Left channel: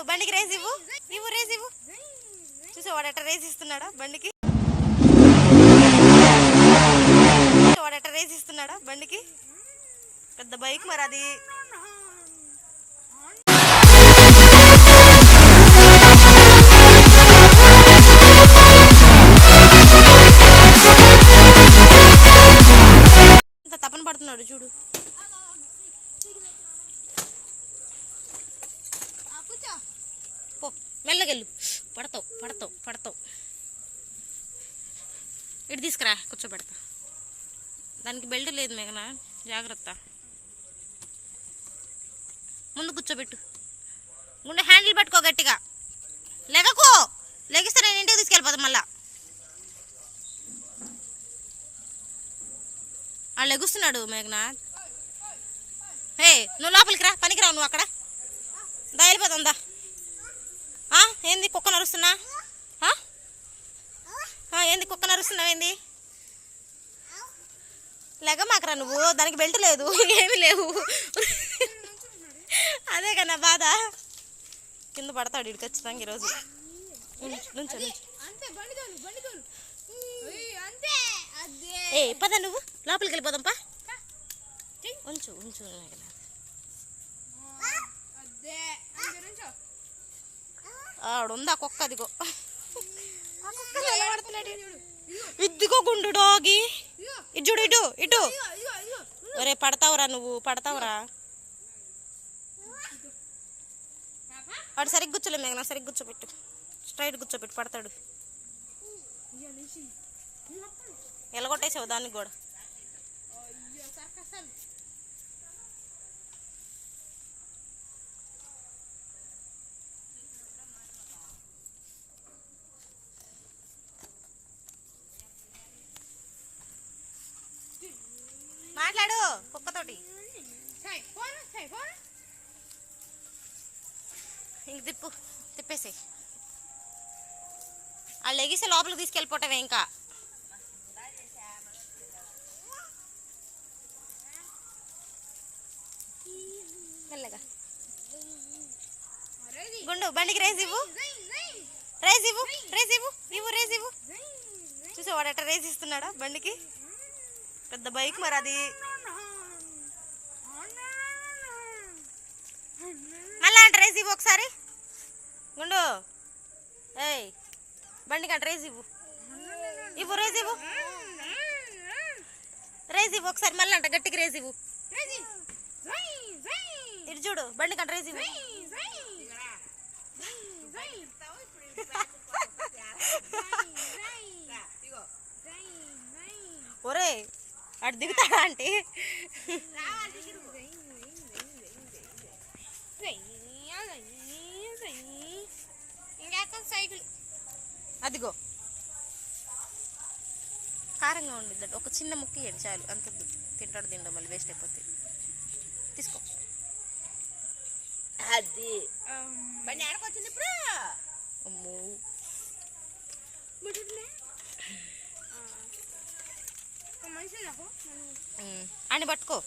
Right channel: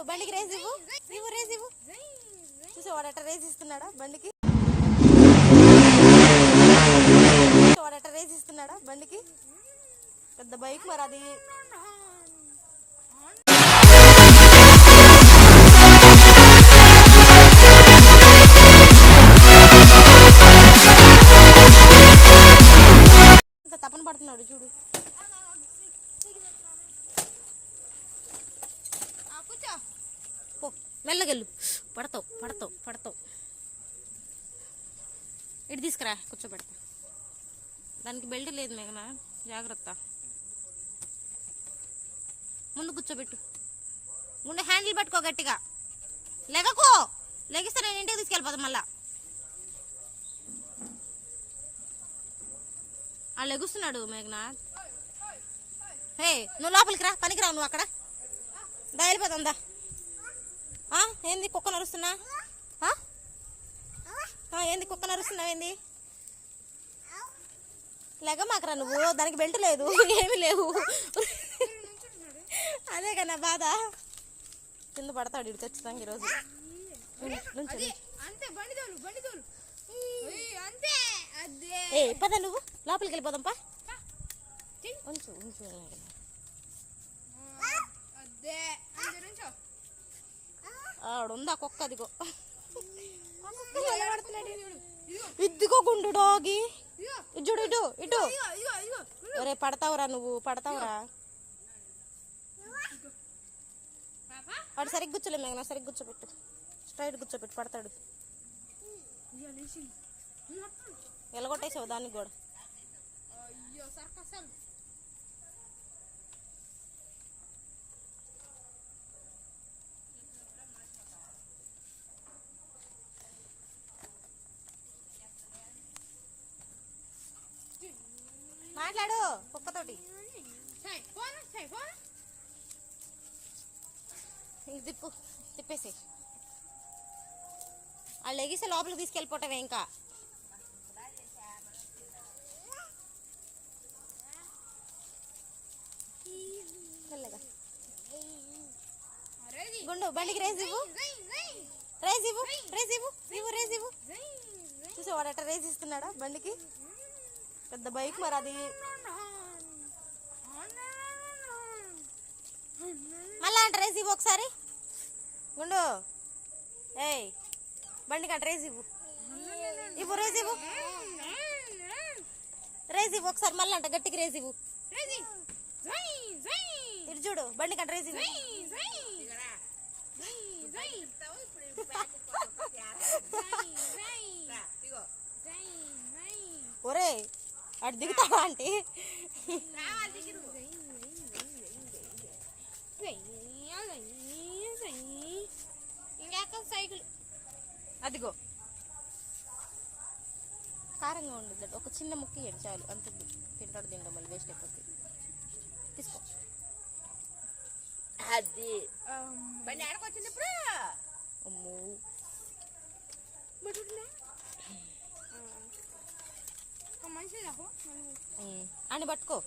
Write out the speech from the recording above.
గుండు బండికి రేస్ ఇవ్వు. ఇవ్వు రేస్ ఇవ్వు. చూసి వాడట రేస్ ఇస్తున్నాడా బండికి? వాడట రేస్ ఇస్తున్నాడా బండికి? పెద్ద బైక్ మరి అది. తపన పడుతున్నాడు చూడు. మెల్లగెళ్ళు. పడతావు పడతావు పడతావు. ఇటు తీసుకురా కూర్చోబెడతా. దానికి బెల్ట్ లేదు మేఘన? జాగ్రత్త. ముందు కూర్చోబెట్టు. గుండె హ్యాండిల్ పట్టుకో గట్టిగా. లెగకో! లెగిస్తే నేను ఇంటికి తీసుకెళ్ళిపోతా మళ్ళా. ఆ లెగుస్తున్నాడు మేఘనాథ్ హే నువ్వు లోపలికి రా పనికిరావు నువ్వు అక్కడ. దా వెళ్ళిపోతుందా ఏంది కుక్క నరుస్తున్నా? ఏంది కుక్క నరుస్తున్నావు ఏంది? లెగ మాకరా నువ్వు దానికి బెల్ట్ లేదు ఏమీ లేవు. అదే కన్నా బాధ. కింద పడతాడు ఇటు ఖచ్చితంగా ఈరోజు. ఏ పద నువ్వు లోపలికి వెళ్ళిపోదాం పా. ఉంచు ఉంచు. ఆడుంది ఆ కుక్క అదిగో. ఇదిగో గుండు డాగి. ఇటు ఇటు ఇటు. ఒరే పడతావురా నువ్వు పడతావురా. వాడు సరిగ్గా కూర్చోలే మేఘనా సరిగ్గా కూర్చోబెట్టు స్ట్రైట్ కూర్చోబెట్టు పడతాడు. ఎలగొట్టేసావు దానికి కూడా. మాట్లాడు కుక్కతోటి. ఇంక తిప్పు తిప్పేసి వాళ్ళు లెగిస్తే లోపలికి తీసుకెళ్ళిపోవటమే ఇంకా. గుండు బండికి రేస్ ఇవ్వు. జై ఇవ్వు రేస్ ఇవ్వు ఇవ్వు రేస్ ఇవ్వు. చూసి వాడట రేస్ ఇస్తున్నాడా బండికి? పెద్ద బైక్ మరి అది. మళ్ళా అంట రేస్ ఇవ్వు ఒకసారి. గుండు. ఏయ్ బండికి అంట రేస్ ఇవ్వు. ఇవ్వు రేస్ ఇవ్వు. రేస్ ఇవ్వు ఒకసారి మళ్ళీ అంట గట్టికి రేస్ ఇవ్వు. ఇటు చూడు బండికి అంట రేస్ ఇవ్వు. ఒరే అటు దిగుతాడా అంటే సైకిల్ అదిగో. కారంగా ఉండిద్ది ఒక చిన్న ముక్క ఇయ్యండి చాలు. అంత తింటాడు తింటాడు మళ్ళీ వేస్ట్ అయిపోతుంది తీసుకో. అది. బండి ఆడకొచ్చింది ఇప్పుడు. అమ్మో. మనిషి నాకు. పట్టుకో.